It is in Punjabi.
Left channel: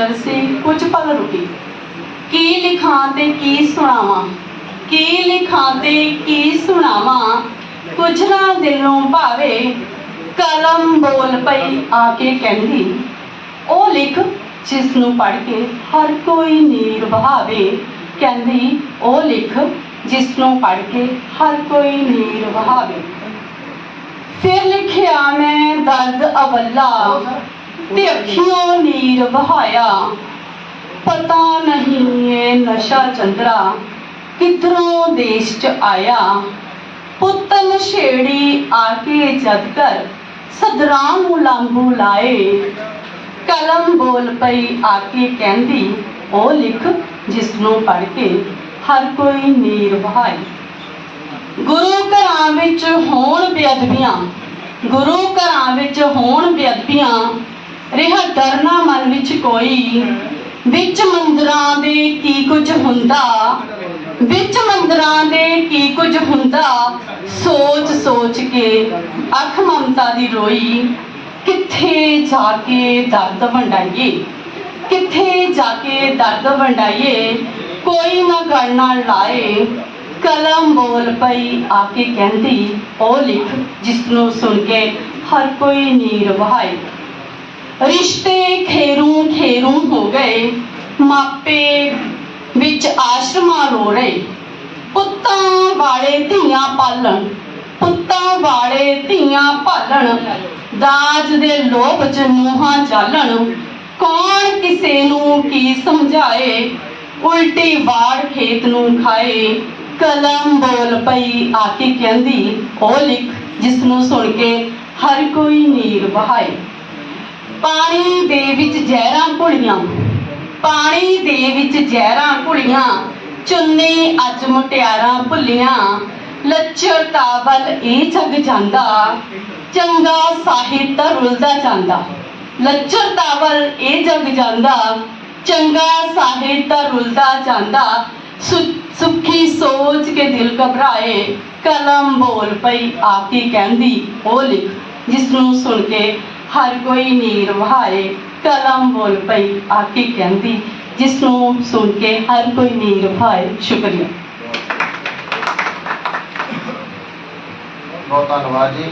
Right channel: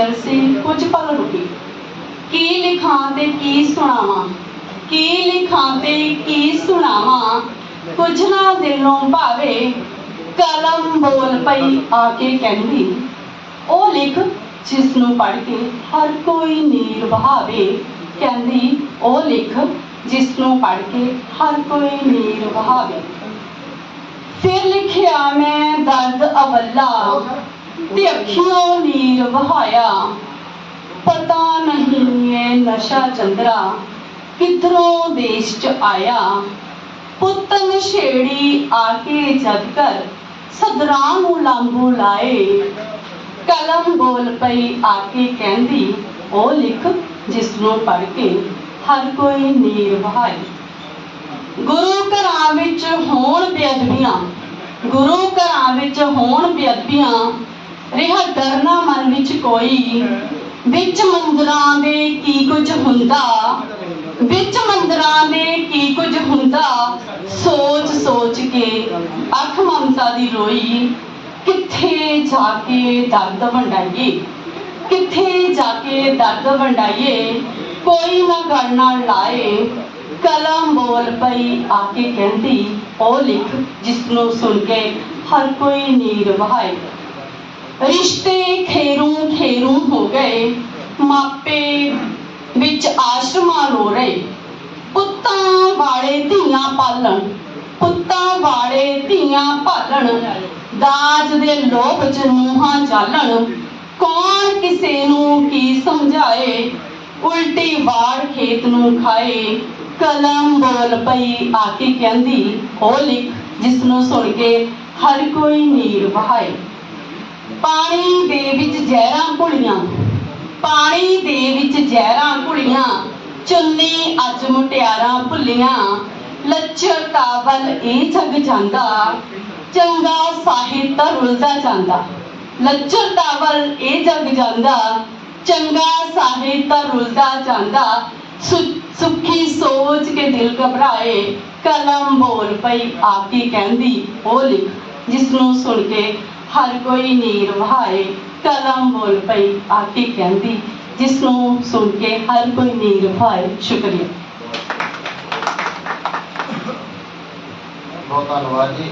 ਝਾਂਜਰ ਸੀ ਕੁਝ ਪਲ ਰੁਕੀ। ਕੀ ਲਿਖਾਂ ਤੇ ਕੀ ਸੁਣਾਵਾਂ? ਕੀ ਲਿਖਾਂ ਤੇ ਕੀ ਸੁਣਾਵਾਂ? ਕੁਝ ਨਾ ਦਿਲੋਂ ਭਾਵੇ, ਕਲਮ ਬੋਲ ਪਈ ਆ ਕੇ ਕਹਿੰਦੀ, ਉਹ ਲਿਖ ਜਿਸ ਨੂੰ ਪੜ੍ਹ ਕੇ ਹਰ ਕੋਈ ਨੀਰ ਵਹਾਵੇ। ਕਹਿੰਦੀ, ਉਹ ਲਿਖ ਜਿਸ ਨੂੰ ਪੜ੍ਹ ਕੇ ਹਰ ਕੋਈ ਨੀਰ ਵਹਾਵੇ। ਫਿਰ ਲਿਖਿਆ ਮੈਂ ਦਰਦ ਅਵੱਲਾ ਤੇ ਅੱਖੀਆਂ ਨੀਰ ਵਹਾਇਆ ਪਤਾ ਨਹੀਂ ਇਹ ਨਸ਼ਾ ਚੰਦਰਾ ਕਿਧਰੋਂ ਦੇਸ਼ ਚ ਆਇਆ। ਪੁੱਤ ਨਸ਼ੇੜੀ ਆ ਕੇ ਜਦ ਕਰ ਸਦਰਾਂ ਨੂੰ ਲਾਂਬੂ ਲਾਏ। ਕਲਮ ਬੋਲ ਪਈ ਆ ਕੇ ਕਹਿੰਦੀ, ਉਹ ਲਿਖ ਜਿਸ ਨੂੰ ਪੜ੍ਹ ਕੇ ਹਰ ਕੋਈ ਨੀਰ ਵਹਾਈ ਗੁਰੂ ਘਰਾਂ ਵਿੱਚ ਹੋਣ ਬੇਅਦਬੀਆਂ, ਗੁਰੂ ਘਰਾਂ ਵਿੱਚ ਹੋਣ ਬੇਅਦਬੀਆਂ ਰਿਹਾ ਡਰਨਾ ਮਨ ਵਿੱਚ ਕੋਈ। ਵਿੱਚ ਮੰਦਰਾਂ ਦੇ ਕੀ ਕੁਝ ਹੁੰਦਾ? ਵਿੱਚ ਮੰਦਰਾਂ ਦੇ ਕੀ ਕੁਝ ਹੁੰਦਾ? ਸੋਚ ਸੋਚ ਕੇ ਅੱਖ ਮਮਤਾ ਦੀ ਰੋਈ। ਕਿੱਥੇ ਜਾ ਕੇ ਦਰਦ ਵੰਡਾਈਏ? ਕਿੱਥੇ ਜਾ ਕੇ ਦਰਦ ਵੰਡਾਈਏ? ਕੋਈ ਨਾ ਗੜਨਾ ਲਾਏ। ਕਲਮ ਬੋਲ ਪਈ ਆ ਕੇ ਕਹਿੰਦੀ, ਉਹ ਲਿਖ ਜਿਸ ਨੂੰ ਸੁਣ ਕੇ ਹਰ ਕੋਈ ਨੀਰ ਵਹਾਏ। ਰਿਸ਼ਤੇ ਖੇਰੂ ਖੇਰੂ ਹੋ ਗਏ, ਮਾਪੇ ਵਿੱਚ ਆਸ਼ਰਮਾਂ ਰੋ ਰਹੇ। ਪੁੱਤਾਂ ਵਾਲੇ ਧੀਆਂ ਪਾਲਣ, ਪੁੱਤਾਂ ਵਾਲੇ ਧੀਆਂ ਪਾਲਣ, ਦਾਜ ਦੇ ਲੋਭ ਚ ਮੂੰਹਾਂ ਚਾਲਣ। ਕੌਣ ਕਿਸੇ ਨੂੰ ਕੀ ਸਮਝਾਏ, ਉਲਟੀ ਵਾੜ ਖੇਤ ਨੂੰ ਖਾਏ। ਕਲਮ ਬੋਲ ਪਈ ਆ ਕੇ ਕਹਿੰਦੀ, ਉਹ ਲਿਖ, ਜਿਸ ਨੂੰ ਸੁਣ ਕੇ ਹਰ ਕੋਈ ਨੀਰ ਵਹਾਏ। ਪਾਣੀ ਦੇ ਵਿੱਚ ਜ਼ਹਿਰਾਂ ਘੁਲੀਆਂ। ਪਾਣੀ ਦੇ ਵਿੱਚ ਜ਼ਹਿਰਾਂ ਘੁਲੀਆਂ, ਚੁੰਨੀ ਅੱਜ ਮੁਟਿਆਰਾਂ ਭੁੱਲੀਆਂ। ਲੱਚਰਤਾ ਵੱਲ ਇਹ ਜਗ ਜਾਂਦਾ, ਚੰਗਾ ਸਾਹਿਤ ਰੁਲਦਾ ਜਾਂਦਾ। ਲੱਚਰਤਾ ਵੱਲ ਇਹ ਜਗ ਜਾਂਦਾ, ਚੰਗਾ ਸਾਹਿਤ ਰੁਲਦਾ ਜਾਂਦਾ। ਸੁ- ਸੁੱਖੀ ਸੋਚ ਕੇ ਦਿਲ ਘਬਰਾਏ, ਕਲਮ ਬੋਲ ਪਈ ਆਪ ਹੀ ਕਹਿੰਦੀ, ਉਹ ਲਿਖ ਜਿਸ ਨੂੰ ਸੁਣ ਕੇ ਹਰ ਕੋਈ ਨੀਰ ਵਹਾਏ ਕਲਮ ਬੋਲ ਪਈ ਆ ਕੇ ਕਹਿੰਦੀ ਜਿਸ ਨੂੰ ਸੁਣ ਕੇ ਹਰ ਕੋਈ ਨੀਰ ਵਹਾਏ ਸ਼ੁਕਰੀਆ ਬਹੁਤ ਧੰਨਵਾਦ ਜੀ